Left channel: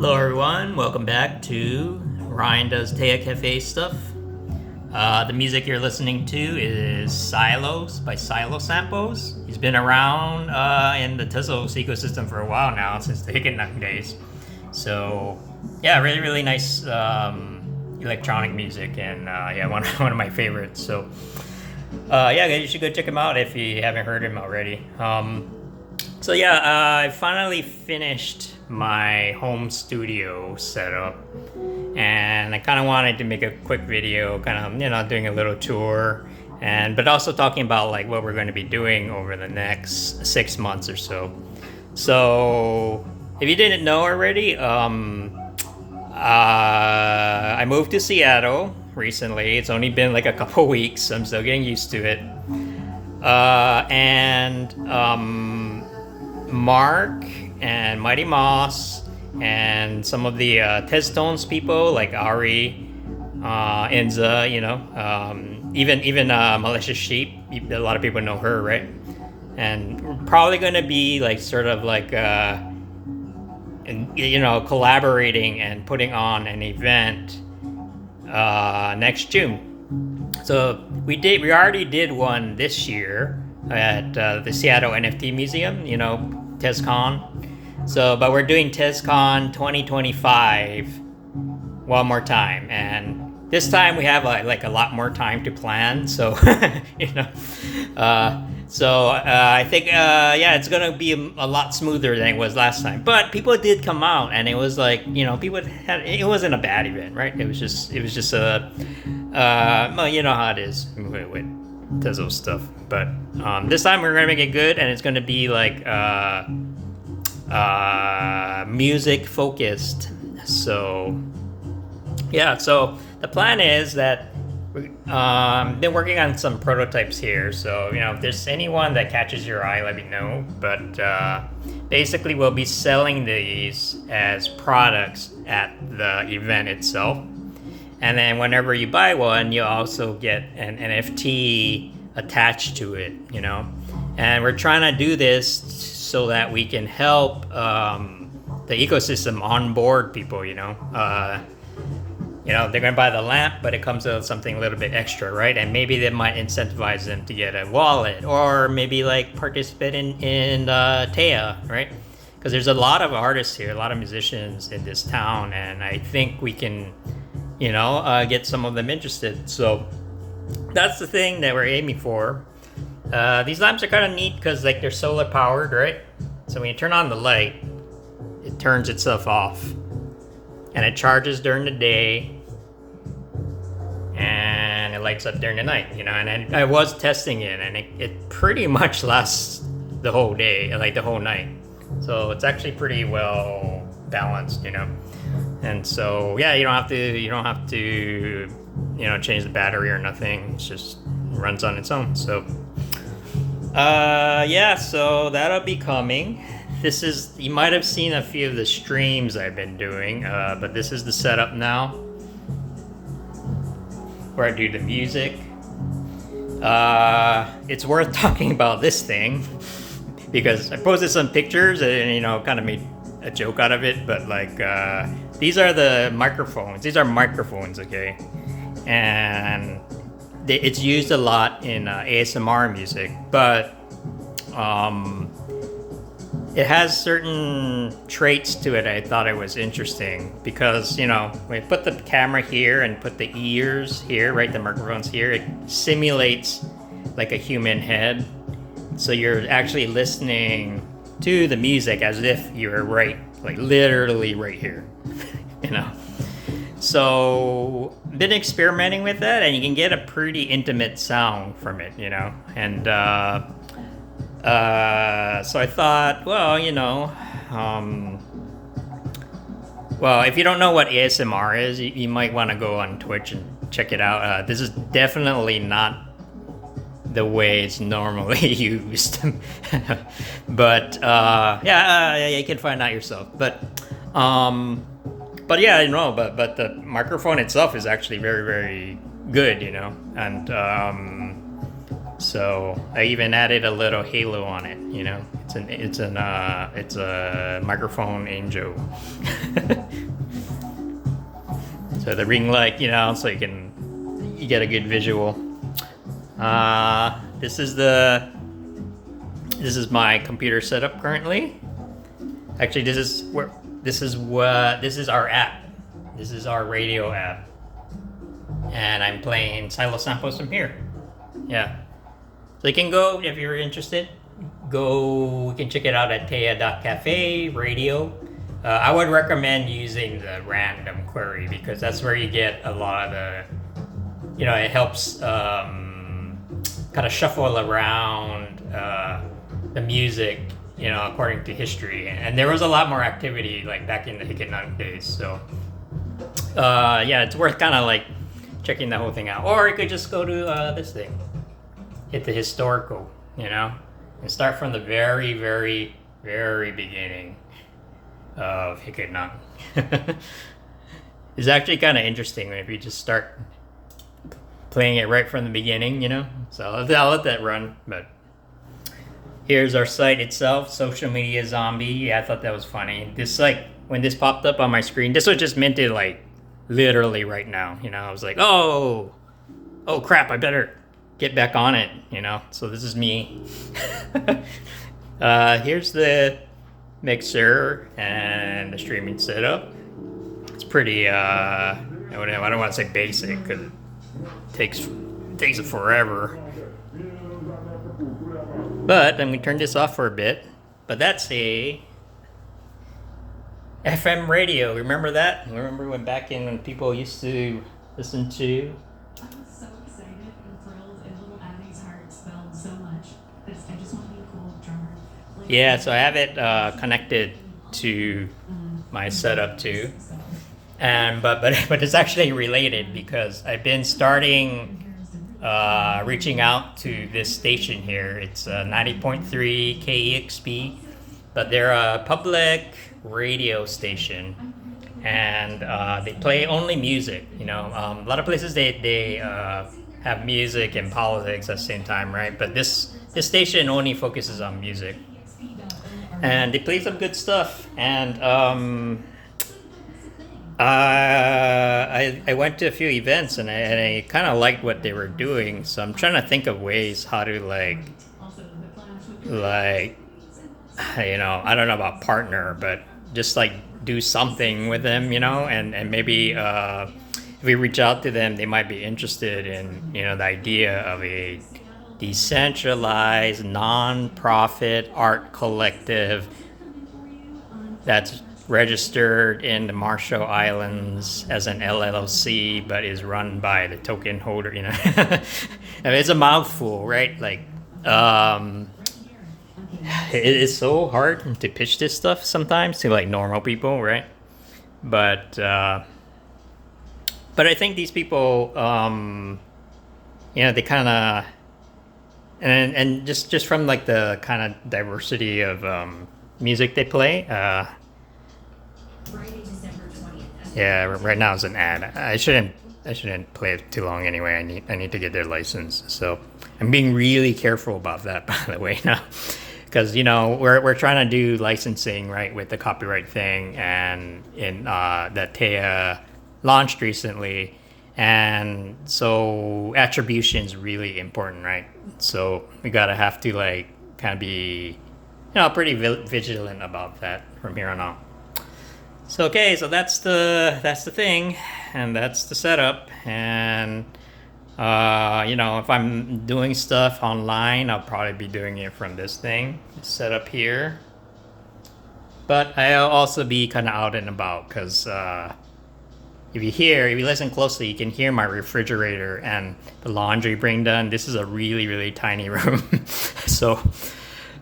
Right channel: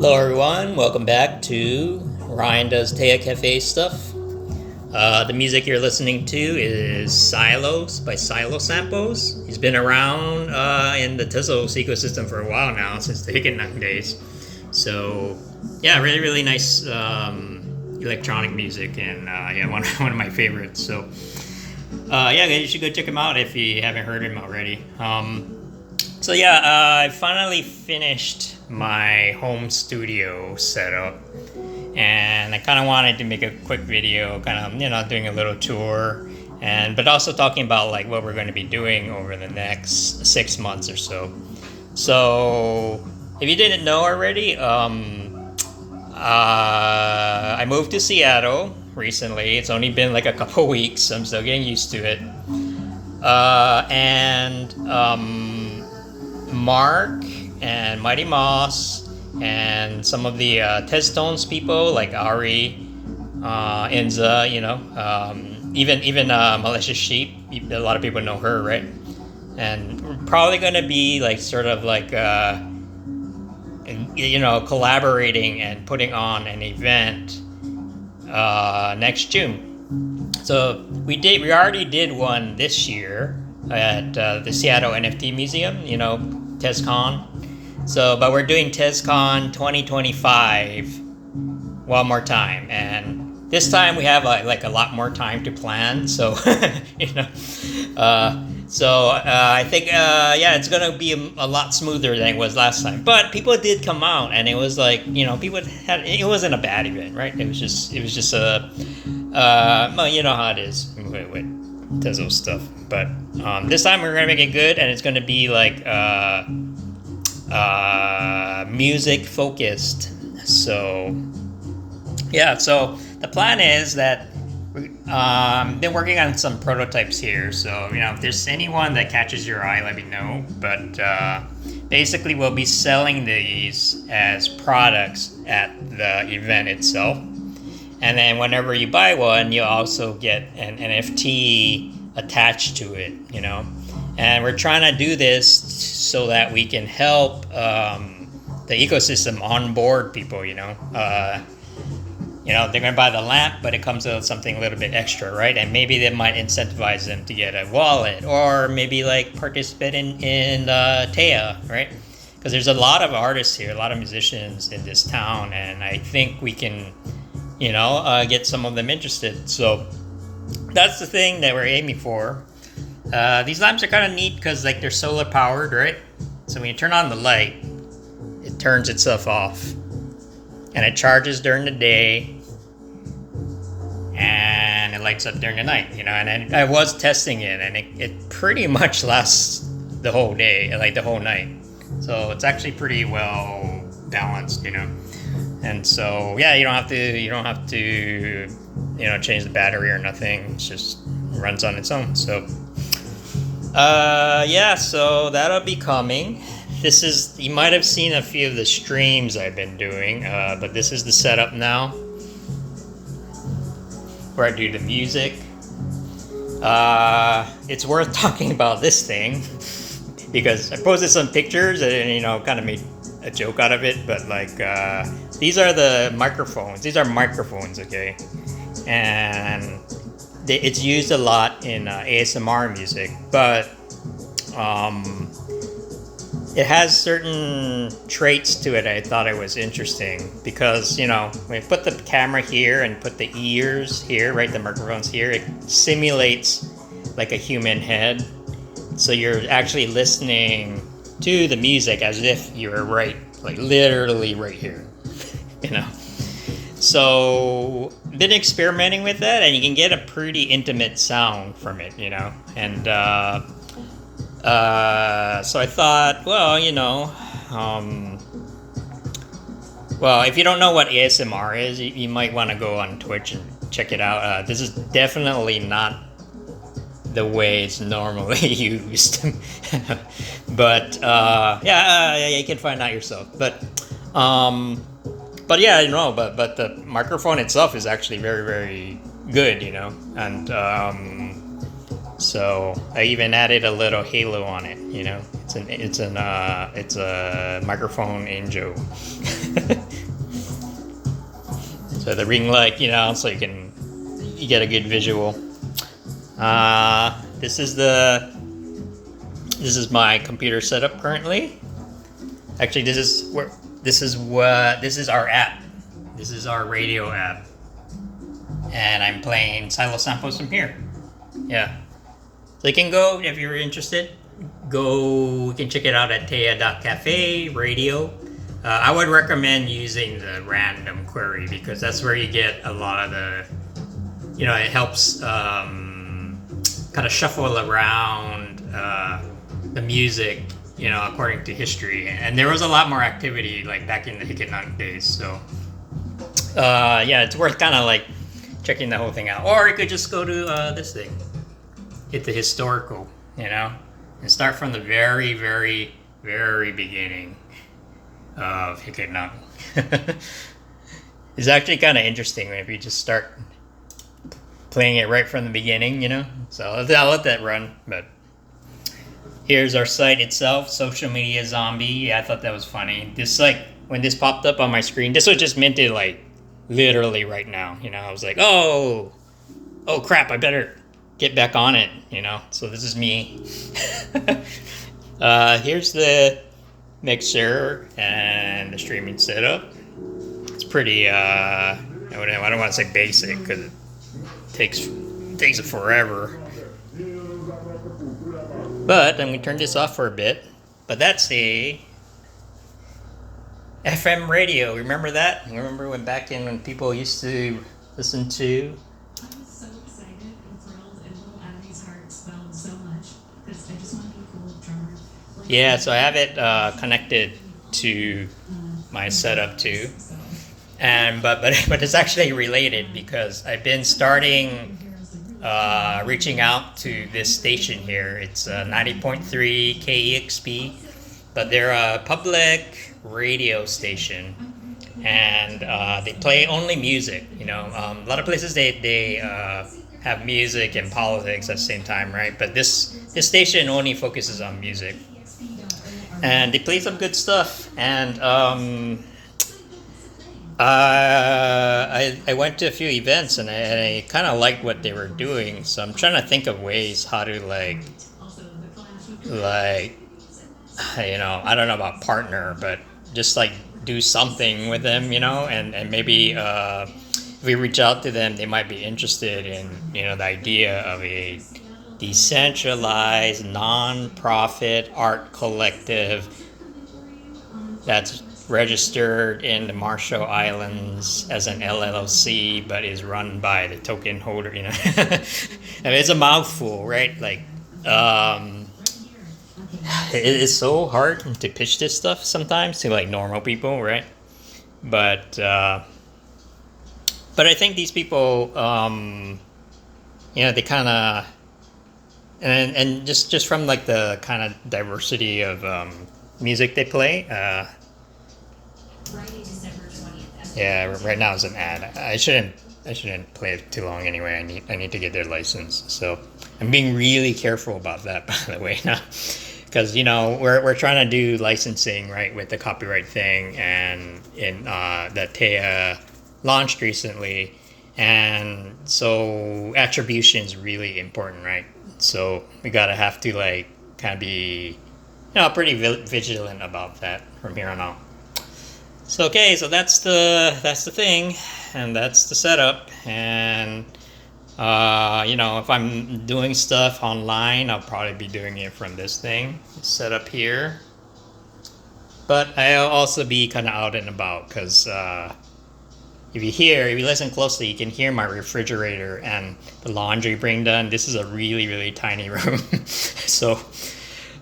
Hello everyone, welcome back to Ryan Does teia.cafe stuff. The music you're listening to is Silos by Silo Samples. He's been around in the Tezcon ecosystem for a while now, since the Hicketnut days. So yeah, really nice electronic music, and one of my favorites. So you should go check him out if you haven't heard him already. I finally finished my home studio setup, and I kind of wanted to make a quick video, doing a little tour, but also talking about like what we're going to be doing over the next 6 months or so. So if you didn't know already, I moved to Seattle recently. It's only been like a couple weeks. I'm still getting used to it. Mark and Mighty Moss and some of the Tezcon people like Ari, Inza, even Malicious Sheep. A lot of people know her, right? And we're probably gonna be like collaborating and putting on an event next June. So we already did one this year at the Seattle NFT Museum, Tezcon. But we're doing Tezcon 2025 one more time, and this time we have a lot more time to plan. So, I think it's gonna be a lot smoother than it was last time. But people did come out, and it was like, it wasn't a bad event, right? It was just a you know how it is with Tezcon stuff. But this time we're gonna make it good, and it's gonna be like music focused. So the plan is that we've been working on some prototypes here. So if there's anyone that catches your eye, let me know. But basically we'll be selling these as products at the event itself, and then whenever you buy one, you'll also get an NFT attached to it, and we're trying to do this so that we can help the ecosystem onboard people. They're going to buy the lamp, but it comes with something a little bit extra, right? And maybe they might incentivize them to get a wallet, or maybe like participate in teia, right? Because there's a lot of artists here, a lot of musicians in this town, and I think we can get some of them interested. So that's the thing that we're aiming for. These lamps are kind of neat because they're solar powered, right? So when you turn on the light, it turns itself off, and it charges during the day, and it lights up during the night. And I was testing it, and it pretty much lasts the whole day, like the whole night. So it's actually pretty well balanced, And so you don't have to change the battery or nothing. It just runs on its own. So so that'll be coming. You might have seen a few of the streams I've been doing, but this is the setup now where I do the music. It's worth talking about this thing because I posted some pictures and kind of made a joke out of it, but these are the microphones. These are microphones, okay? And it's used a lot in ASMR music, but it has certain traits to it. I thought it was interesting because when you put the camera here and put the ears here, right, the microphones here, it simulates like a human head. So you're actually listening to the music as if you're literally right here, So been experimenting with that, and you can get a pretty intimate sound from it, And so I thought, if you don't know what ASMR is, you might want to go on Twitch and check it out. This is definitely not the way it's normally used. But you can find out yourself. But the microphone itself is actually very, very good, and so I even added a little halo on it. It's a microphone angel. So the ring light, so you get a good visual. This is my computer setup currently. Actually, this is our app. This is our radio app, and I'm playing silo samples from here. Yeah, so you can go if you're interested. You can check it out at teia.cafe radio. I would recommend using the random query because that's where you get a lot of the, it helps kind of shuffle around the music, according to history. And there was a lot more activity like back in the Hikenang days. So, yeah, it's worth kind of like checking the whole thing out. Or you could just go to this thing, hit the historical, and start from the very, very, very beginning of Hikenang. It's actually kind of interesting if you just start playing it right from the beginning, So I'll let that run. But here's our site itself, Social Media Zombie. Yeah, I thought that was funny. This, like, when this popped up on my screen, this was just minted, like, literally right now. I was like, oh crap, I better get back on it, So this is me. Here's the mixer and the streaming setup. It's pretty, I don't want to say basic because it takes it forever. But I'm going to turn this off for a bit. But that's a FM radio. Remember that? Remember when people used to listen to? I'm so excited and thrilled, and little Abby's heart swelled so much because I just want to be a cool drummer. Yeah, so I have it connected to my setup too. And but it's actually related because I've been starting reaching out to this station here. It's 90.3 KEXP, but they're a public radio station, and they play only music. A lot of places they have music and politics at the same time, right? But this station only focuses on music, and they play some good stuff. And I went to a few events, and I kind of liked what they were doing. So I'm trying to think of ways how to like I don't know about partner, but just like do something with them, and maybe if we reach out to them, they might be interested in the idea of a decentralized non-profit art collective that's registered in the Marshall Islands as an LLC, but is run by the token holder. I mean, it's a mouthful, right? Like, it is so hard to pitch this stuff sometimes to like normal people, right? But I think these people, they kind of, and just from like the kind of diversity of music they play. Friday, December 20th. Yeah, right now it's an ad. I shouldn't play it too long anyway. I need to get their license. So I'm being really careful about that, by the way, now. Because we're trying to do licensing, right, with the copyright thing, and that Teia launched recently, and so attribution is really important, right? So we have to like kind of be pretty vigilant about that from here on out. So okay, so that's the thing, and that's the setup, and if I'm doing stuff online, I'll probably be doing it from this thing set up here. But I'll also be kind of out and about because if you listen closely, you can hear my refrigerator and the laundry being done. This is a really, really tiny room. So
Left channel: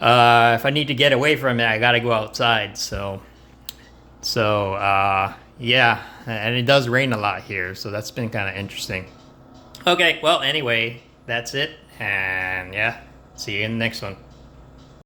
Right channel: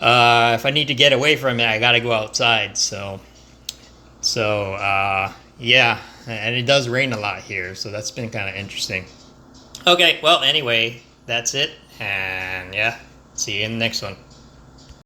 if I need to get away from it, I gotta go outside. So yeah, and it does rain a lot here, so that's been kind of interesting. Okay, well, anyway, that's it, and yeah, see you in the next one.